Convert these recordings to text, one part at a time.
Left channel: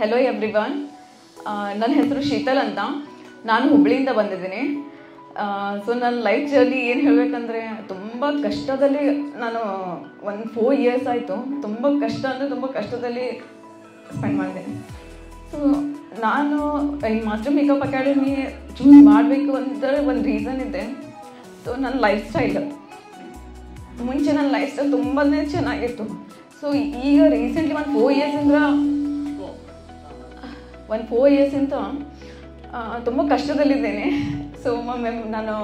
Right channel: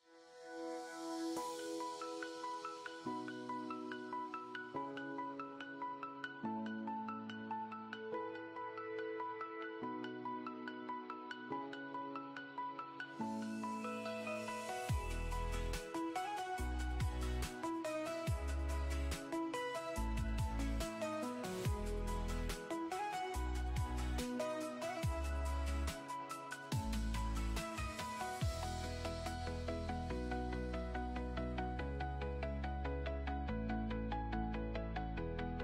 Hello everyone, ನನ್ನ ಹೆಸರು ಶೀತಲ್ ಅಂತ. ನಾನು ಹುಬ್ಬಳ್ಳಿಯಿಂದ ಬಂದಿದ್ದೀನಿ. ಸೊ ನನ್ನ ಲೈಫ್ ಜರ್ನಿ ಏನು ಹೇಳಬೇಕಂದ್ರೆ ತುಂಬ ಕಷ್ಟದಲ್ಲಿ ನಾನು ಒಂದು 4 years ಆಯಿತು. ತುಂಬ ಕಷ್ಟ ಅಂದರೆ ತುಂಬ ಕಷ್ಟದಲ್ಲಿ ಸ್ಪೆಂಡ್ ಮಾಡಿದ್ದೀನಿ. ಸೊ ನಾನು ಈ ಮಾಸ್ಟರ್ ಮೇಕಪ್ ಅಕಾಡೆಮಿ ಚೂಸ್ ಮಾಡಬೇಕು ಅಂದರೆ ಒಂದು ರೀಸನ್ ಇದೆ. ಸೊ ನನ್ನ ಲೈಫ್ ಸ್ಟೈಲ್ ಮುಂಚೆ ನನ್ನ ಲೈಫ್ ಸ್ಟೈಲ್ ತುಂಬಾ ಚೆನ್ನಾಗಿತ್ತು. ಸೊ ಈಗ ರೀಸೆಂಟ್ಲಿ ಒಂದು 4 yearsಯಿಂದ ತುಂಬ ಕಷ್ಟದಲ್ಲಿದ್ದೇನೆ. ಸೊ ನಾನು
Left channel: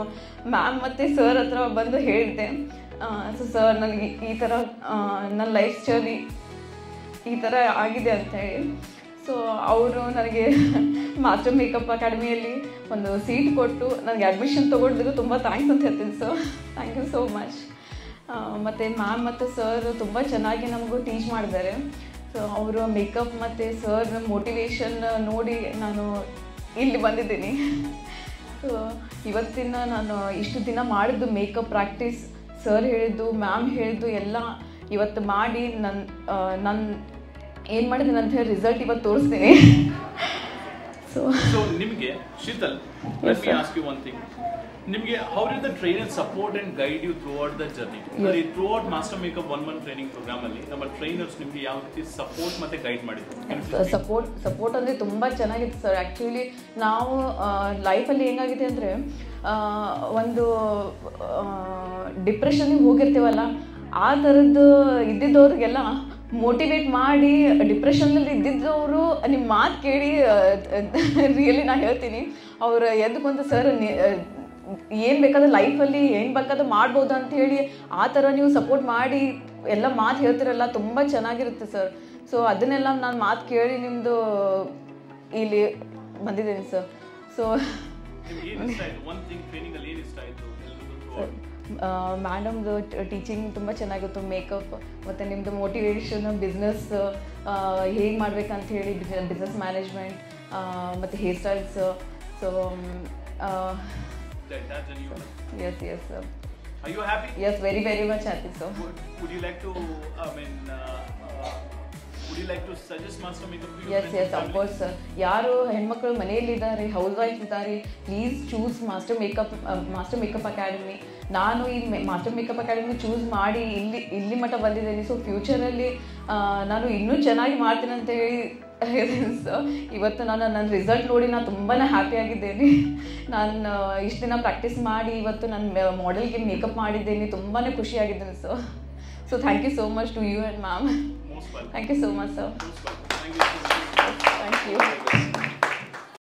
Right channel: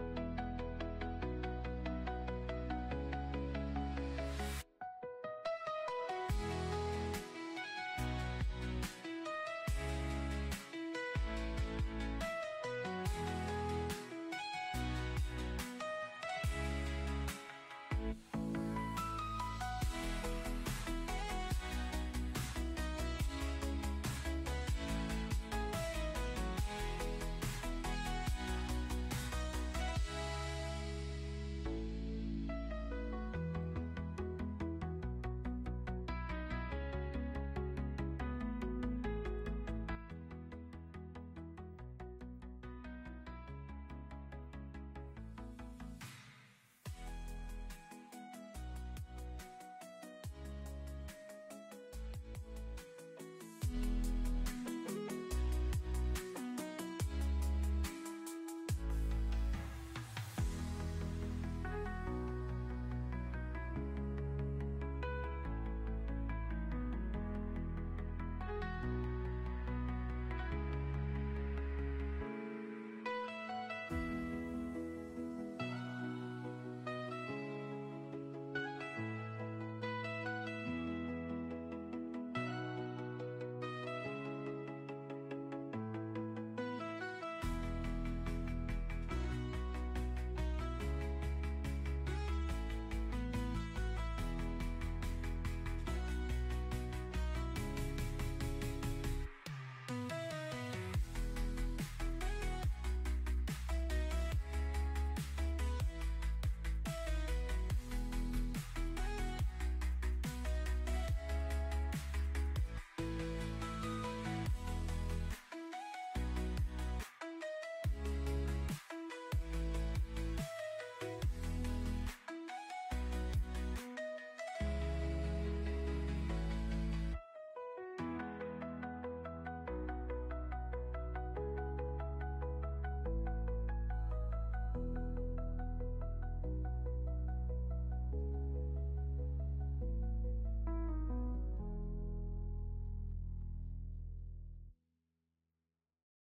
ಮ್ಯಾಮ್ ಮತ್ತು ಸರ್ ಹತ್ರ ಬಂದು ಹೇಳಿದೆ, ಸೊ ಸರ್ ನನಗೆ ಈ ಥರ ನನ್ನ ಲೈಫ್ ಜರ್ನಿ ಈ ಥರ ಆಗಿದೆ ಅಂತ ಹೇಳಿ. ಸೊ ಅವರು ನನಗೆ ಮಾಸ್ಟರ್ ಮೇಕಪ್ ಅಕಾಡೆಮಿಯಲ್ಲಿ ಒಂದು ಸೀಟ್ ಕೊಟ್ಟು ನನಗೆ ಅಡ್ಮಿಷನ್ ತೊಗೊಂಡಿದ್ದು ತುಂಬ ಥ್ಯಾಂಕ್ಸ್ ಅಂತ ಹೇಳ್ತೀನಿ. So thank you so much. ಮತ್ತು ಮ್ಯಾಮ್ ಮತ್ತು ಸರ್ ತುಂಬ ಚೆನ್ನಾಗಿ ನಮಗೂ ಟೀಚ್ ಮಾಡಿದ್ದಾರೆ. ಸೊ ಅವರು ಮೇಕಪ್ ಮತ್ತು ಸರ್ ಮೋಟಿವೇಶನ್ ನೋಡಿ ನಾನು ಇಲ್ಲಿ ಬಂದಿದ್ದೀನಿ. ಸೊ ಇವತ್ತಿನ ನಾನು ಇಷ್ಟು ದಿನ ಮಾಡಿದ್ದು ಮೇಕಪ್ ಪ್ರಾಕ್ಟೀಸ್ ಸರ್ ಹೇಳಿದ್ದು ಮ್ಯಾಮ್ ಹೇಳಿದ್ದು ಎಲ್ಲ ಇವತ್ತು ಮಾಡಿ ನನ್ನ ಏನು ಮಾಡಿದ್ದೀನಿ ಅಂತ ಹೇಳಿ ರಿಸಲ್ಟ್ ಇವತ್ತು ತೋರಿಸ್ತೀನಿ. ಸೊ ನಿಮಗೆ Sheetal, let me ask you one thing. ನಿಮಗೆ how did the trainer support and guide you throughout the journey? ಅಲ್ಲಿ throughout master makeup 1 month training program ಅಲ್ಲಿ ನಮ್ಮ ಟ್ರೈನರ್ಸ್ ನಿಮಗೆ ಯಾವ ರೀತಿ ಸಪೋರ್ಟ್ ಮತ್ತೆ ಗೈಡ್ ಮಾಡಿದ್ರು? ಸಪೋರ್ಟ್ ಅಂದರೆ ತುಂಬ ಚೆನ್ನಾಗಿತ್ತು ಸರ್. ಆ್ಯಕ್ಚುಲಿ ನಾವು ಲೈಫಲ್ಲಿ ಹೆಂಗಾಗಿದೆ ಅಂದರೆ ಒಂದು ಡಿಪ್ರೆಷನ್ನಿಗೆ ಹೋಗಿರ್ತೀವಲ್ಲ, ಆ ಥರದ್ದು ಇದ್ದಿದ್ದವ್ರಿಗೆಲ್ಲ ಮೋಟಿವೇಟ್ ಮಾಡಿ ಡಿಪ್ರೆಷನ್ನಲ್ಲಿ ಇದ್ದಿದ್ದವರು ನಿಮ್ಮ ಮಾತು ಕೇಳಿ ರಿಯಲಿ ನಾನು ಹೇಳ್ತೀನಿ, ಅವರು ಎದ್ದುಕೊಂತ ಸರ್ ಏನು ಬೇಕಾದ್ರೆ ಲೈಫಲ್ಲಿ ಏನು ಬೇಕಾದ್ರೆ ಮಾಡ್ಬೋದು ಅಂತ ಹೇಳಿ ಆ ಥರ ನೀವು ಸಪೋರ್ಟ್ ಮಾಡಿ ಎಲ್ಲ ಮಾತು ಹೇಳ್ತಿರಲ್ಲ, ತುಂಬ ಚೆನ್ನಾಗಿರುತ್ತೆ ಸರ್. ಸೊ ಅದನ್ನೆಲ್ಲ ನಾನು ಮಾತು ಕೇಳಿ ನಿಮ್ಮದು ಇಲ್ಲಿ ಬಂದಿದ್ದೀನಿ ಸರ್. ಸೊ ಮೇಡಮ್ದು ಟೀಚಿಂಗ್ ತುಂಬ ಚೆನ್ನಾಗಿತ್ತು, ಮೇಕಪ್ ಮತ್ತು ನಿಮ್ಮದು ಮೋಟಿವೇಶನ್, ಬಿಸ್ನೆಸ್ ಹೇಗೆ ಮಾಡ್ಬೇಕಂತ ಹೇಳಿ ಬಿಸ್ನೆಸ್ ಮ್ಯಾನೇಜ್ಮೆಂಟ್ ಮತ್ತು hair styles. So yes sir. Are you happy? Yes, very much happy sir. Would you like to would you like to suggest master makeup to your yes of course sir. ಯಾರು ಹೆಣ್ಮಕ್ಳು ಮನೆಯಲ್ಲಿದ್ದಾರೆ, house wife ಇದ್ದಾರೆ, please choose master makeup academy. ನಾನು ಈ master makeup academy choose ಮಾಡಿ ಇಲ್ಲಿ ಮಟ್ಟ ಬಂದಿದ್ದೀನಿ. So ಫ್ಯೂಚರಲ್ಲಿ ನಾನು ಇನ್ನೂ ಚೆನ್ನಾಗಿ ಮಾಡ್ತೀನಿ ಅಂತ ಹೇಳಿ ಸೊ ಇವತ್ತು ನನ್ನ ರಿಸಲ್ಟ್ ನೋಡಿ ನಾನು ತುಂಬಾ ಹ್ಯಾಪಿಯಾಗಿದ್ದೇನೆ. ನಾನು ಇಷ್ಟು ದಿನ ಪ್ರಾಕ್ಟೀಸ್ ಮಾಡಿ ಇವತ್ತು ನಾನು ಮಾಡೆಲ್ಗೆ ಮೇಕಪ್ ಮಾಡಿದ್ದೇನೆ, ತುಂಬಾ ಖುಷಿಯಾಗಿದ್ದೇನೆ. So thank you so much to you and ma'am. Thank you so much sir.